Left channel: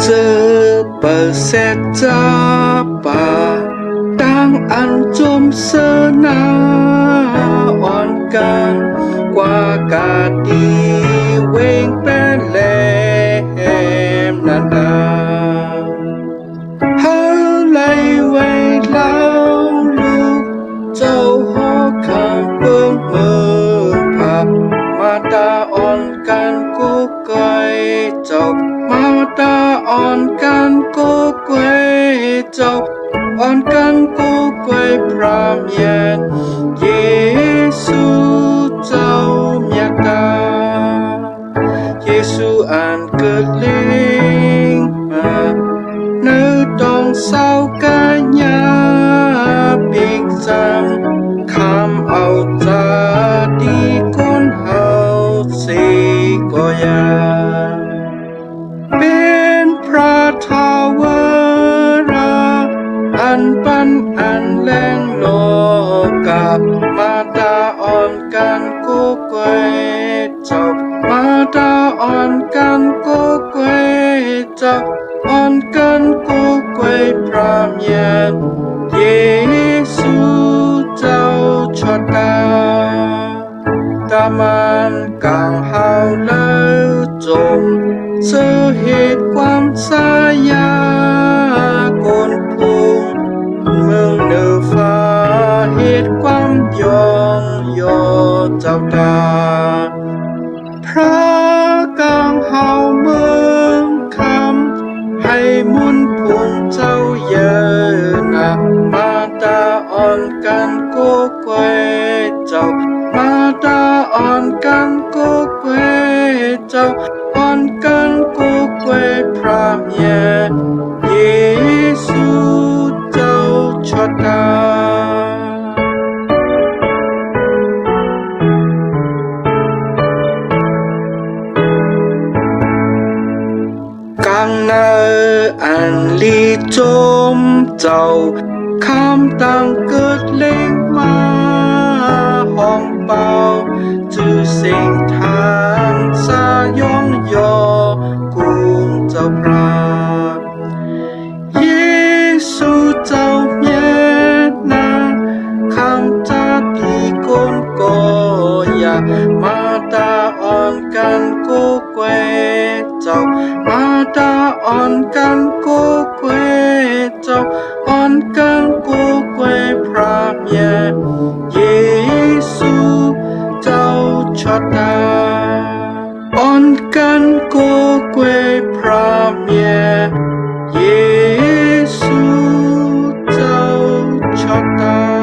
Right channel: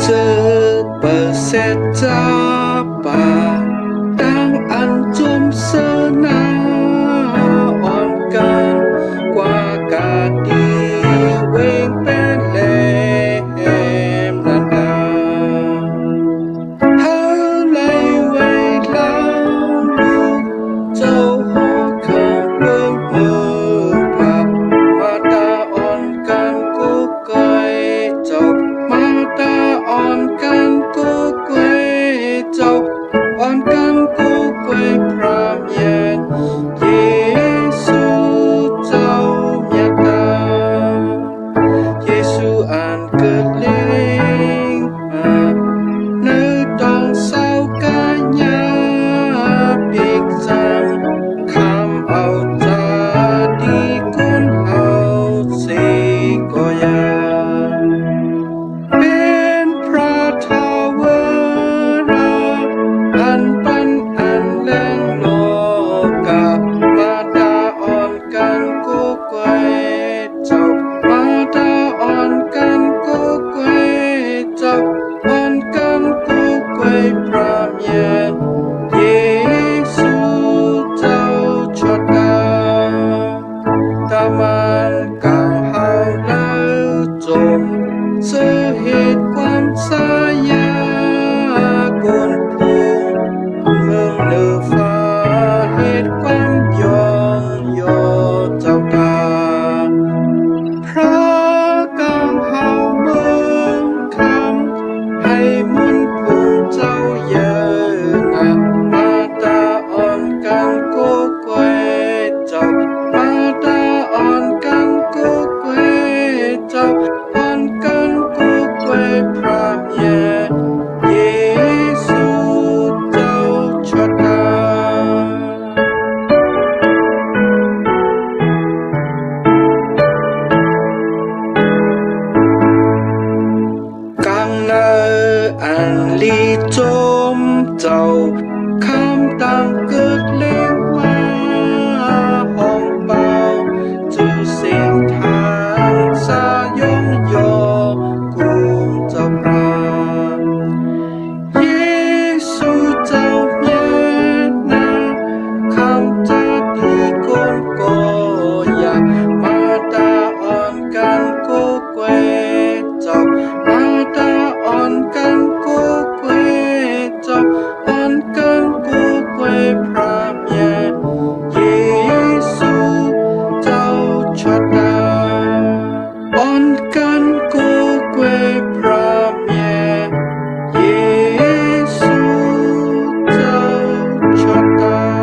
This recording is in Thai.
เจอเปิดเสร็จจ้าป่าดังอันจมเสนาอ่อนกันกว่ากาดีเวงเป็นแหลมนันดาเฮาไลไว้เล่าลูกเจ้าหอคำเบิ่งเมืองผามาตาอ่อนกันกุกไก่เจ้ามาตาอ่อนกันกุกไก่เจ้าอ่อนกันกุกไก่พระเมียนเยซูเจ้าเมียตาเยซูอันเกิดเล็งมาเนื้อต้องเศร้ากายาปีกจำคำเอาจาดีกุนเฮาสิก็ยาเป็นพระทาวราอันปันอันแรงโลกามาตาอ่อนกันกุกเกยเจ้ามาตาอ่อนกันกุกเกยเจ้าอ่อนกันกุกเกยพระเมียนเยซูเจ้าชดดาตามันกังเฮาแล้วจมเสื้อเหตุความสายากนพุงเมืองเนือฟ้าเหตุความยองยอเจ้าตาพระกังเฮาเมืองคำให้มุนพุงเจ้าเยนะมาตาอ่อนกันกุกเกยเจ้ามาตาอ่อนกันกุกเกยเจ้าอ่อนกันกุกเกยพระเมียเยซูเจ้าชดดากังเนออันลีจมเจ้าคำตังเกิดเล่งมาห้องเป่าจื้อเสียงทางสายองยอกุงเจ้าพระเยซูเจ้าเมียนาคำจาดีกนก็อยามาตาอ่อนกันกุกเกยเจ้ามาตาอ่อนกันกุกเกยเจ้าอ่อนกันกุกเกยพระเมียเยซูเจ้าชดดาอ่อนกันกุกเกยพระเมียเยซูเจ้าชดดา